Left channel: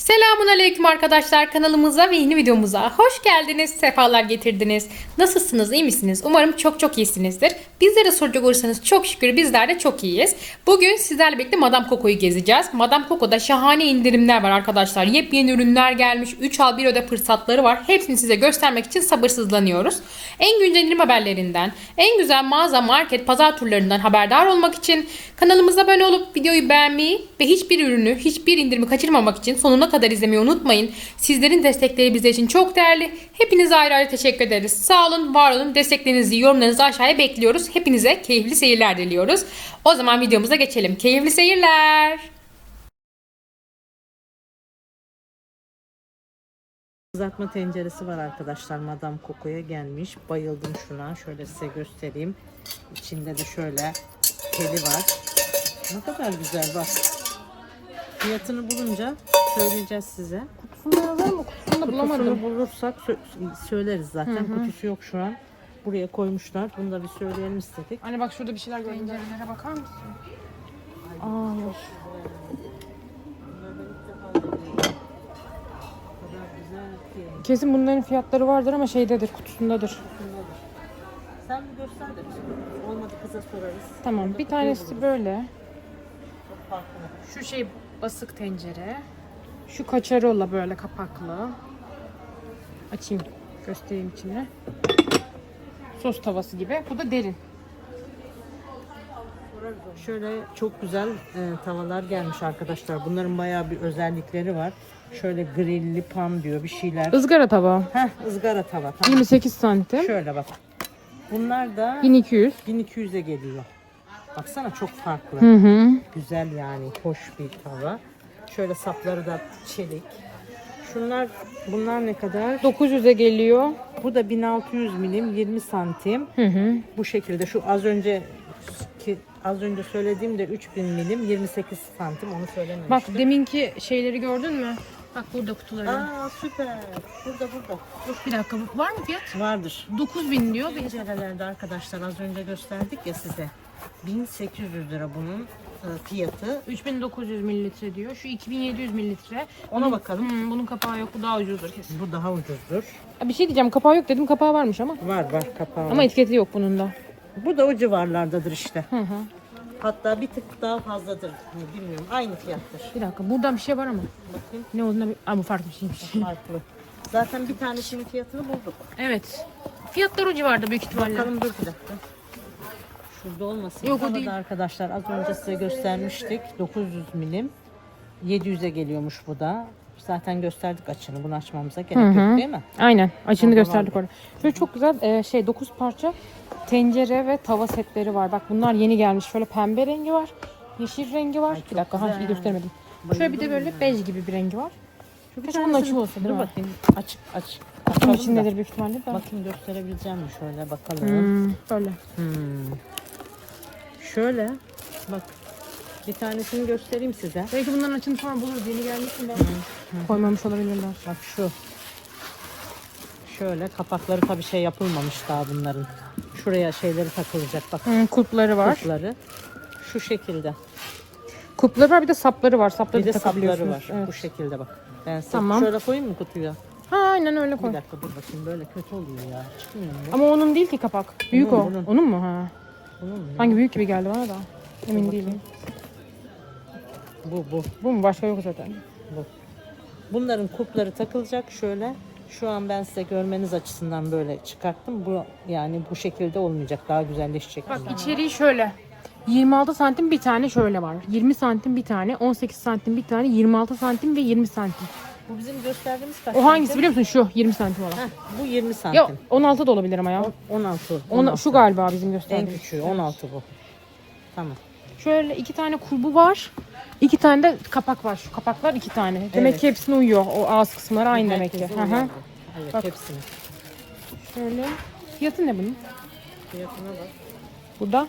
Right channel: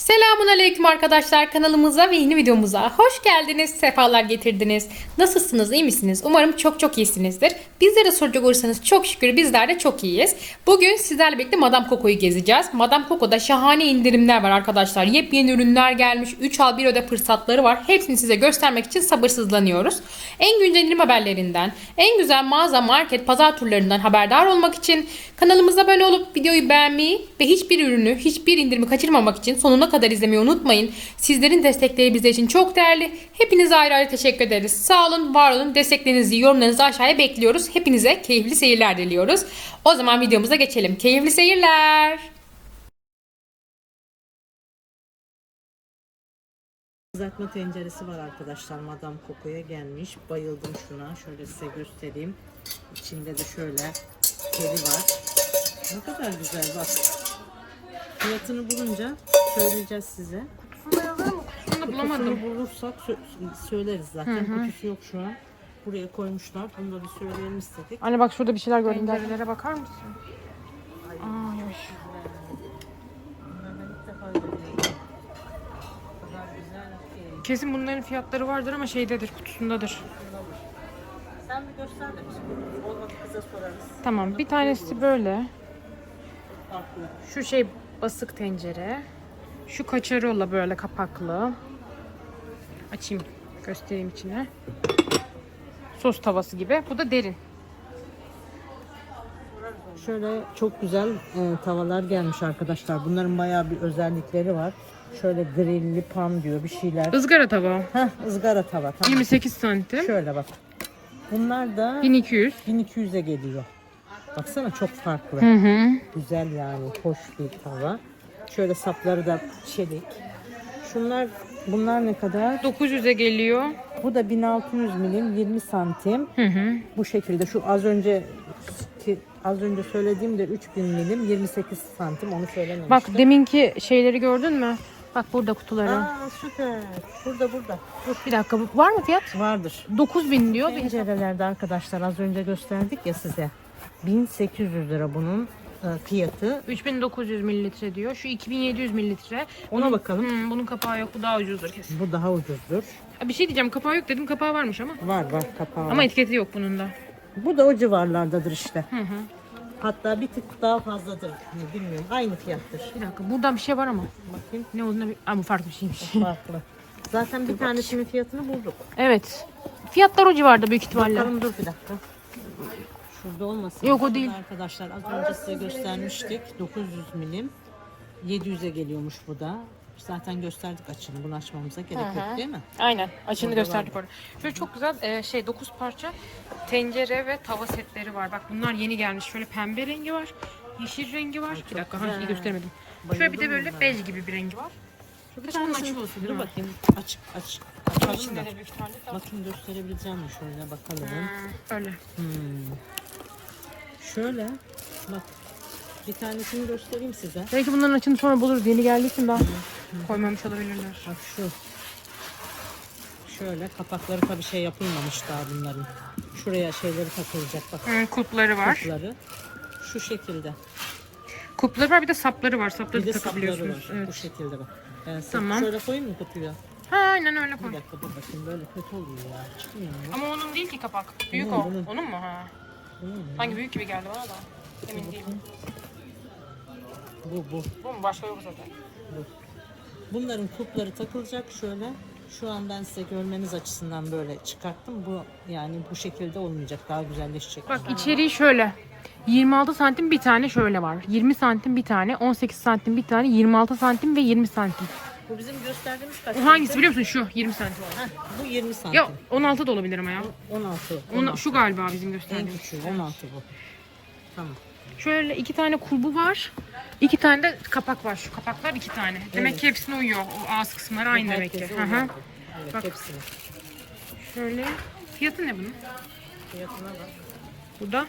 Selamun Aleyküm arkadaşlar kanalımıza ve yeni videomuza hoş geldiniz, sefalar getirdiniz. Nasılsınız, iyi misiniz? Umarım çok çok iyisinizdir. Bizlere soracak olursanız çok şükür bizler de çok iyiyiz. Bugün sizlerle birlikte Madame Coco'yu gezeceğiz. Madame Coco'da şahane indirimler var arkadaşlar. Yepyeni ürünler gelmiş, 3 al 1 öde fırsatları var. Hepsini size göstermek için sabırsızlanıyoruz. En güncel indirim haberlerinden, en güzel mağaza, market, pazar turlarından haberdar olmak için kanalımıza abone olup videoyu beğenmeyi ve hiçbir ürünü, hiçbir indirimi kaçırmamak için sonuna kadar izlemeyi unutmayın. Sizlerin destekleri bizler için çok değerli. Hepinize ayrı ayrı teşekkür ederiz. Sağ olun, var olun. Desteklerinizi, yorumlarınızı aşağıya bekliyoruz. Hepinize keyifli seyirler diliyoruz. O zaman videomuza geçelim. Keyifli seyirler. Kızartma tenceresi var arkadaşlar. Madame Coco'ya gelmiş. Bayıldım şuna. Şöyle size göstereyim. İçinde de şöyle teli var. Ne kadar güzel bak. Fiyatını bulunca söyleyeceğiz size. Kutusunu yazar mı? Kutusunu Kutusunu bulursak sö- söyleriz zaten. Kutusu yok şu an. Buraya koymuşlar. Bunu da bir söyleyelim istedik. Anne bak şurada bir şeyler gördüm. Tencerelere bakar mısın? Aa, yok. Kesin bunların fiyatları vardır ama şeydedir, kutusundadır. Sen bir göster de bize. Olmadı kıza sorarız. Tamam, bir tanesi böyle. Farklı. Şu şey basık tencere. Şu kaçarola böyle kapaklı. Açayım, göstereyim içine. Sos tavası gibi. Bu da derin. Şöyle çok güzel e, tavalar gelmiş arkadaşlar. Bunların bayağı bir özellikleri var. Şöyle grilli pan diyor bir şeyler. Izgara tava. Heh ızgara tava. Tamam. 28 santim. Şöyle bak. Bunlar da 1200. 1200'e geliyor. Baksana çok farklı. Hı hı. Güzel yani. Hoş bir tava. Şöyle sapları da çelik. Şunlar bunlar ne kadar? 900'e geliyor. Bu da 1600 milim 20 santim. Hı hı. Bu şekilde şu az önce ki az önce söylediğim de 3000 milim 28 santim onu söylememiştim. Bak deminki şeyleri gördün mü? Bak burada kutuları. Aa süper. Burada burada. Bir dakika var mı fiyat? Vardır. 9000 diyor. Bir Tencerelerde arkadaşlar az önce gösterdik ya size. 1800 lira bunun fiyatı. 3900 mililitre diyor. Şu 2700 mililitre. Ona bakalım. Hmm, bunun kapağı yok. Bu daha ucuzdur kesin. Bu daha ucuzdur. Ha, Bir şey diyeceğim. Kapağı yok dedim. Kapağı varmış ama. Var var kapağı. Ama etiketi yok bunun da. bu da o civarlardadır işte. Hı hı. Hatta bir tık daha fazladır. Bilmiyorum. Aynı fiyattır. Bir dakika. Buradan bir şey var ama. Bakayım. Ne olduğuna bir... Aa, bu farklı bir şeymiş. Farklı. Zaten bir tanesinin fiyatını bulduk. evet. Fiyatlar o civarda büyük ihtimalle. Bakalım dur bir dakika. Şurada olmasın. Yok, o değil. Arkadaşlar az önce size göstermiştik. 900 milim. 700'e geliyormuş bu da. Zaten gösterdik açını. Bunu açmamıza gerek yok değil mi? Aynen. Açını Orada gösterdik orada. Böyle çok güzel e, şey 9 parça tencere ve tava setleri var. Bak bunlar yeni gelmiş. Şöyle pembe rengi var. Yeşil rengi var. Bir dakika. Ha, iyi göstermedim. Şöyle bir de böyle bej gibi bir rengi var. Keşke bunun açık olsa değil mi? bakayım. Açık açık. Bunun da. içindedir büyük ihtimalle de. Bakayım gösterebileceğim mi şöyle bakalım. Hmm, böyle. Hmm. Şöyle bak bir tanesini göstereyim size. Belki bunların açını sonra buluruz. Yeni geldiği için daha koymamış olabilirler. Bak şu. Şöyle kapakları tabii şey yapılmamış daha bunların. Şuraya şeyleri takılacak bak Hmm, kupları var. kupları. Şu şekilde. Kupları var bir de sapları var. Sapları Bir de sapları var. Evet. Bu şekilde bak. Ben Tamam. şöyle koyayım mı kutuya? Ha, aynen öyle koy. Bir dakika dur bakayım böyle kötü oluyor ya. Çıkmıyor mu? Ama onun değil ki kapak. Büyük Bunun, o. bunun. Onun mu? Ha. Hangi büyük gibi geldi bana da. Emin değilim. Bu bu. Bu mu? Başka yok zaten. Bu. Bunların kupları takılacak şöyle. Şu an ben size görmeniz açısından böyle çıkarttım. Bu yani bu şekilde olmayacak. Daha güzelleşecek. Bak içeriği şöyle. 26 santim bir tane şöyle var. 20 santim bir tane, 18 santim bir tane, 26 santim ve 20 santim. Bu bizim gösterdiğimiz kaç? O hangisi biliyor musun? Şu 20 santim olan. Bu 20 santim. Ya 16 da olabilir ama ya. 16. Ona, şu galiba bizim en gösterdiğimiz. küçüğü 16 bu. Tamam. Şöyle iki tane kulbu var. İki tane de kapak var. Şu kapaklar iki tane. Demek Evet. ki hepsine uyuyor. O ağız kısımları aynı demek ki. Herkesin Hı hı. Evet Bak. hepsini. Şöyle. Fiyatı ne bunun? Fiyatına bak. Bu da.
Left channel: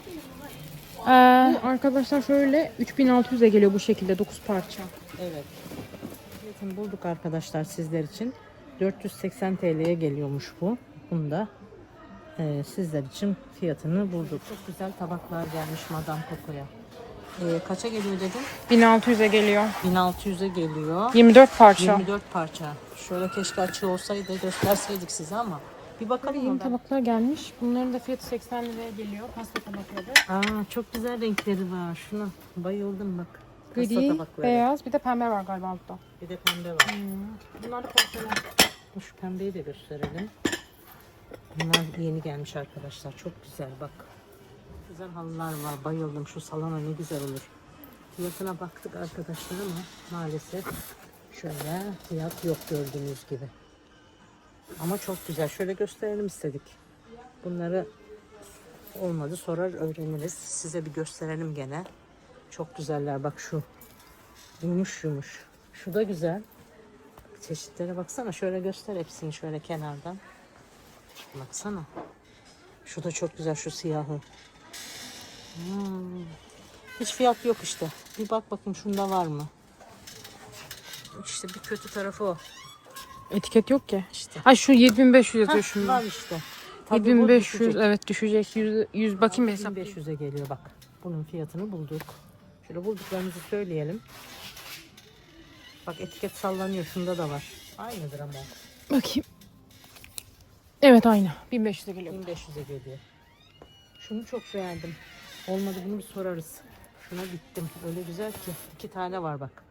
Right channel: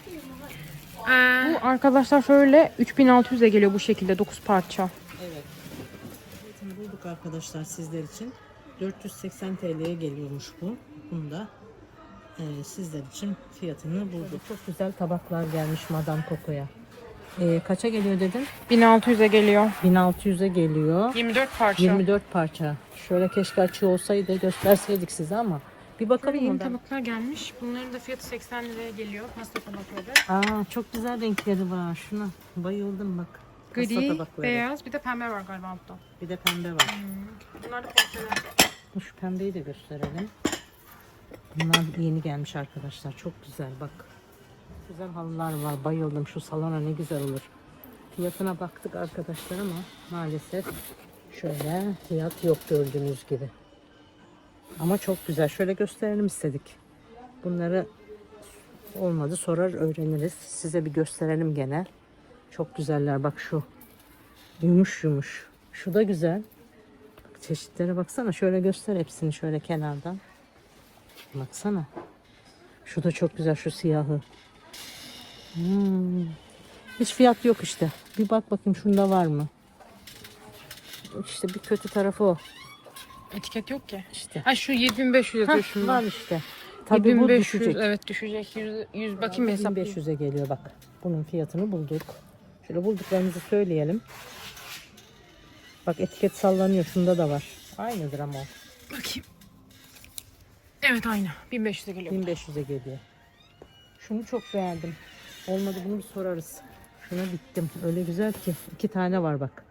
Ee, bu arkadaşlar şöyle 3600'e geliyor bu şekilde 9 parça. Evet. Fiyatını bulduk arkadaşlar sizler için. 480 TL'ye geliyormuş bu. Bunu da e, sizler için fiyatını bulduk. Çok güzel tabaklar gelmiş Madame Coco'ya. Ee, kaça geliyor dedin? 1600'e geliyor. 1600'e geliyor. 24 parça. 24 parça. Şöyle keşke açığı olsaydı gösterseydik size ama. Bir bakalım yeni tabaklar gelmiş. Bunların da fiyatı 80 liraya geliyor. Pasta tabakları. Aa çok güzel renkleri var. Şuna bayıldım bak. Gri, tabakları. beyaz bir de pembe var galiba altta. Bir de pembe var. Bunlar da porselen. Şu pembeyi de gösterelim. Bunlar yeni gelmiş arkadaşlar. Çok güzel bak. Güzel halılar var. Bayıldım. Şu salona ne güzel olur. Fiyatına baktık arkadaşlar ama maalesef şöyle fiyat yok gördüğünüz gibi. Ama çok güzel. Şöyle gösterelim istedik. Bunları olmadı sorar öğreniriz. Size bir gösterelim gene. Çok güzeller. Bak şu yumuş yumuş. Şu da güzel. Çeşitlere baksana. Şöyle göster hepsini şöyle kenardan. Baksana. Şu da çok güzel şu siyahı. Hmm. Hiç fiyat yok işte. Bir bak bakayım şunda var mı? İşte bir kötü tarafı o. Etiket yok ki. İşte. Ay şu 7500 yazıyor şunda. var işte. Tabii bu 7500 düşecek. evet düşecek. 100, 100 bakayım hesap. 1500'e geliyor bak. Bunun fiyatını bulduk. Şöyle bulduklarımızı söyleyelim. Bak etiket sallanıyor. Şunda da var. Aynıdır ama o. Bakayım. Evet aynı. 1500'e geliyor. 1500'e geliyor. Şunu çok beğendim. Olmadı bunu bir sorarız. Şuna gittim. Öyle güzel ki. iki tane var bak.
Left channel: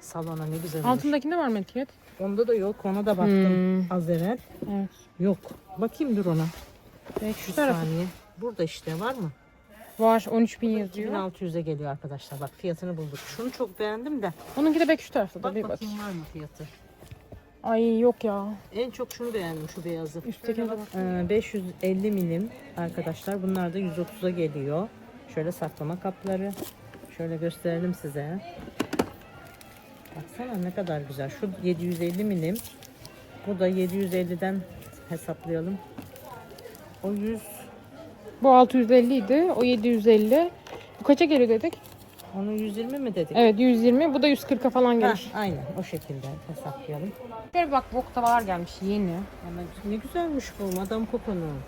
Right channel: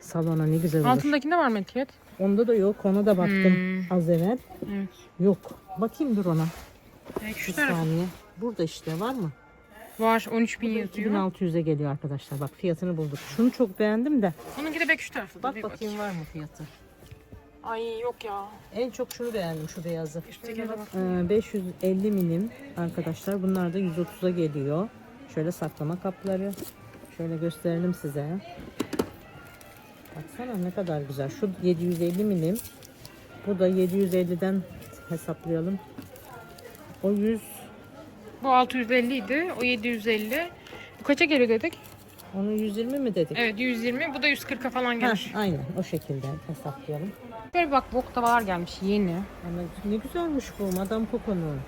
Salona ne güzel olur. Altındakinde var mı etiket? Onda da yok. Ona da baktım Hmm. az evvel. Evet. Yok. Bakayım dur ona. Belki Bir şu taraf. saniye. Burada işte var mı? Var 13000 yazıyor. 2600'e geliyor arkadaşlar. Bak fiyatını bulduk. Şunu çok beğendim de. Onunki de belki şu tarafta da Bak bir bakayım bakayım. var mı fiyatı? Ay yok ya. En çok şunu beğendim şu beyazı. Üsttekine bak. Ee, 550 milim arkadaşlar. Bunlar da 130'a geliyor. Şöyle saklama kapları. Şöyle gösterelim size. Baksana ne kadar güzel. Şu 750 milim. Bu da 750'den hesaplayalım. O 100 Bu 650 idi. O 750. Bu kaça geliyor dedik? onu 120 mi dedik? Evet 120. Bu da 140'a falan. Heh, aynen o şekilde hesaplayalım. Şöyle bak bok tavalar gelmiş yeni. Ama ne güzelmiş bu Madame Coco'nun.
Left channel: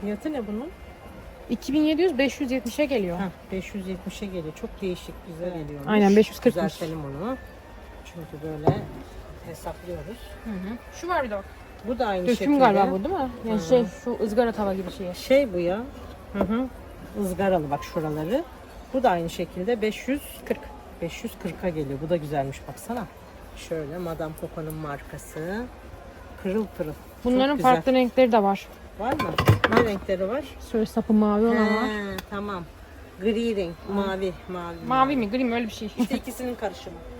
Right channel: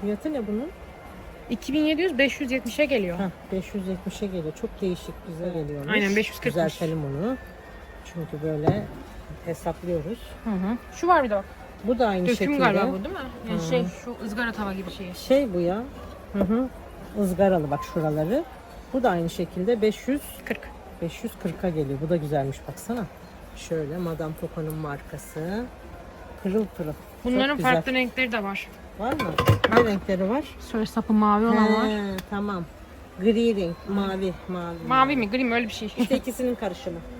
Fiyatı ne bunun? 2700 570'e geliyor. Heh, 570'e geliyor. Çok değişik bize geliyor. Aynen, 540'mış. Düzeltelim onu. Çünkü böyle hesaplıyoruz. Hı hı. Şu var bir de bak. Bu da aynı Döküm şekilde. galiba bu değil mi? Yani şey şu ızgara tava gibi şey. Şey bu ya. Hı hı. Izgaralı bak şuraları. Bu da aynı şekilde 500 40. 540'a geliyor. Bu da güzelmiş baksana. Şöyle Madame Coco'nun markası. Pırıl pırıl. Çok Bunların güzel. farklı renkleri de var. Var mı? Ne renkleri var? Şöyle sapı mavi olan var. He, tamam. Gri renk, mavi, mavi. Mavi mi gri mi öyle bir şey. İşte ikisinin karışımı.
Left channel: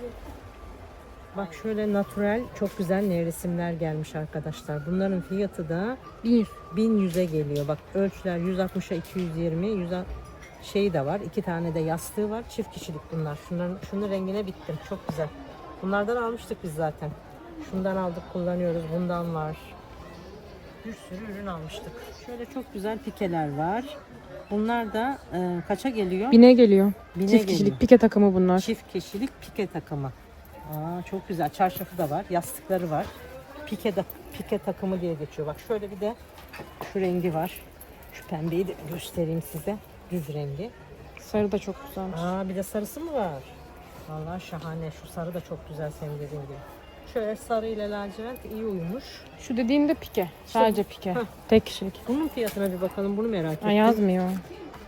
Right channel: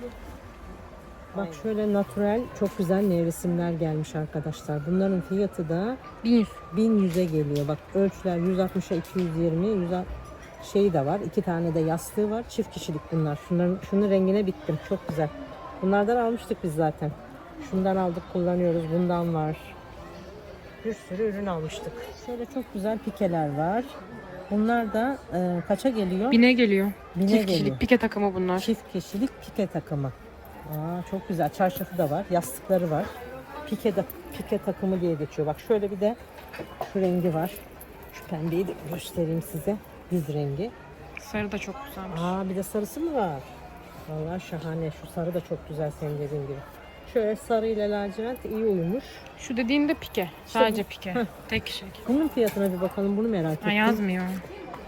Bak şöyle natural çok güzel nevresimler gelmiş arkadaşlar. Bunların fiyatı da 1100. 1100'e geliyor. Bak ölçüler 160'a 220, 100 şey de var. iki tane de yastığı var. Çift kişilik bunlar. Şunların şunun rengine bittim. Çok güzel. Bunlardan almıştık biz zaten. Şundan aldık kullanıyoruz. Bundan var. Bir sürü ürün almıştık. Şöyle çok güzel pikeler var. Bunlar da e, kaça geliyor? Bine geliyor. Bine Çift geliyor. kişilik pike takımı bunlar. Çift kişilik pike takımı. Aa, çok güzel. Çarşafı da var. Yastıkları var. Pike de pike takımı diye geçiyor. Bak şöyle bir de şu rengi var. Şu pembeyi de göstereyim size. Biz rengi. Sarı da çok güzelmiş. Aa bir de sarısı mı var? Vallahi şahane. Şu sarı da çok güzel senin dediğin gibi. Şöyle sarı ile lacivert iyi uyumuş. Şu dediğin de pike. Sadece pike. Heh. Tek kişilik. Bunun fiyatına bir bakalım. Bunu merak ettim. Ay yazmıyor.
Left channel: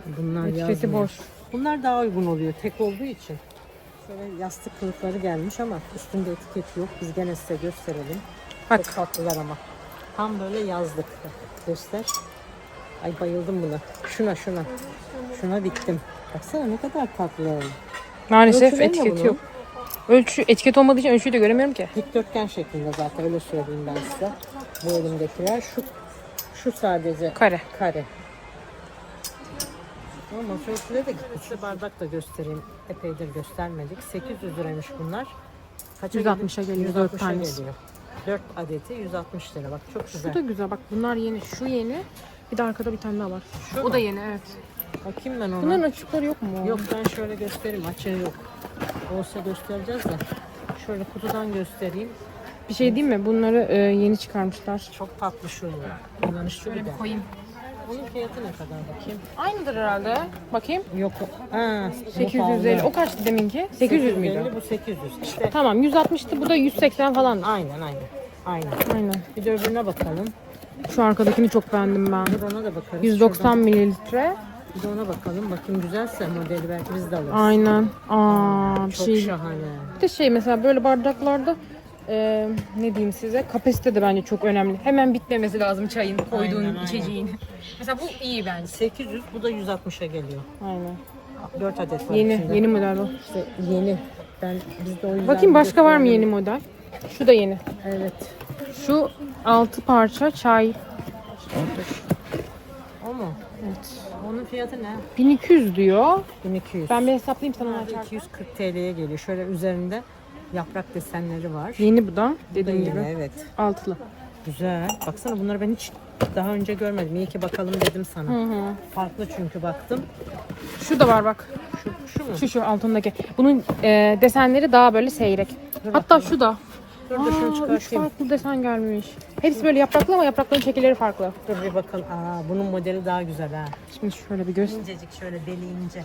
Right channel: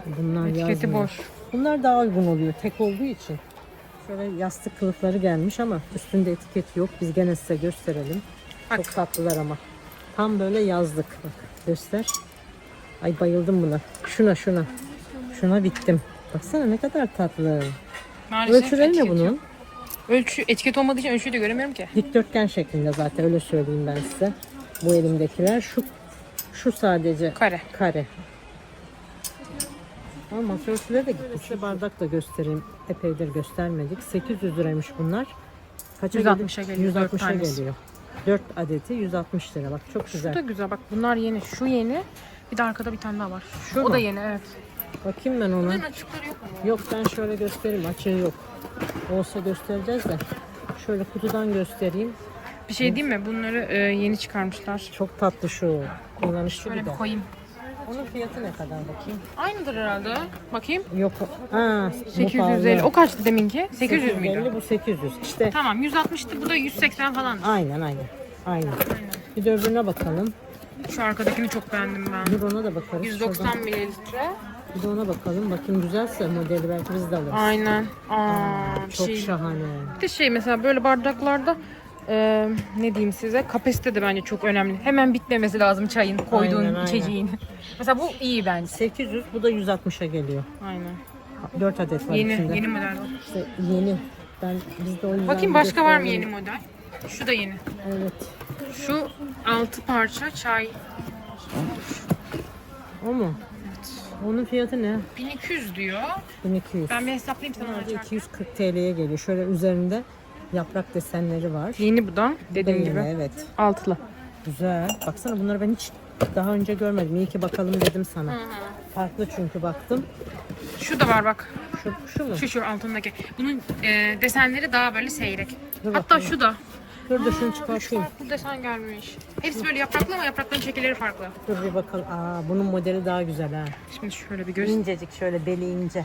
Bunlar Etiketi yazmıyor. boş. Bunlar daha uygun oluyor tek olduğu için. Şöyle yastık kılıfları gelmiş ama üstünde etiket yok. Biz gene size gösterelim. Bak. Çok tatlılar ama. Tam böyle yazlık. Göster. Ay bayıldım buna. Şuna şuna. Şuna bittim. Baksana ne kadar tatlı. Maalesef Ölçüleri ne etiketi bunun? yok. Ölçü, etiket olmadığı için ölçüyü de göremiyorum ki. Dikdörtgen şeklinde zaten öyle söyleyeyim ben size. Bu elimdekiler. Şu şu sadece Kare. kare. Ama da gitti. Size bardak da göstereyim. Epeydir göstermedik. 800 liraymış bunlar. Kaça 160'a geliyor, dört 160'a tanesi. geliyor. 4 adeti 160 lira. Bak çok güzel. Şu da güzel. Bak bunlar yeni. Şu yeni. Bir de arkada bir tane daha var. Şu o mu? da yeni evet. Bakayım ben ona. Bunların açıkları yok mu? ya? Yok ben şöyle göstereyim. Açığı yok. Olsa göstereceğiz de. Şöyle kutudan göstereyim. Bir şey diyeyim mi? Bunları e, yeni çıkarmışlar. Çok tatlı şu. Şöyle bir de. koyayım. Onun fiyatı ne kadar bakayım? Aynıdır herhalde. Bakayım. Yok. Bu 850. pahalı. O kaçtı deminki? 800 müydü? Bu 800 işte. Tamam 160'tı. Bu da 180 falan. Aynen aynen. Aynen. Aynen. Bir de öbürüne bakalım. Şu arkadakini çok beğendim ben. Bir de ona da bakarız. 190 Şuradan mililitre. Bir de ona bakalım. Bakın güzelse modeli belki biz de alırız. Aynen. Aa, Çok şey. şahane. Bir de şey mesela böyle bardaklarda e, ne diyeyim size kapasite de bence çok önemli. Hemen bitmemesi lazım çayın koyduğun Aynen, aynen. içeceğin. mesela bu iyi bence. 800 bu da 160'a geliyor. Aynen. 4 adet var Yeni içinde. yeni model bu. İşte yeni. Ben biz de o yüzden Bakayım başka var mı yeni model? Şu da yeni. Evet. Şu 6 parça çay. O mu? Evet. Onun fiyatı ne? 1200 diyor. 1200. Ben bir hesaplayayım sana açarken. 240 TL'ye geliyor. Şöyle üzerinde yaprak desenleri var. Yeni bu da dediğim yeni, gibi. Evet. Altılı. Güzel. Baksana bunları ben hiç daha önce görmedim. İyi ki bakalım dedim sana. Hı hı. Farklı çünkü baktım. Şu da var bak. Şu, şu mu? Şu şu altındaki. Bunun e, desenleri daha böyle seyrek. Dur Hatta bakayım. şu da. Dur da şunu çıkartayım. farklı desen gelmiş. Hepsi böyle yapraklı ama yaprakların şekilleri farklı. Dur bir bakalım. Aa bunun modeli daha güzel ha. Şimdi şöyle bir göster. İncecik şöyle deli ince.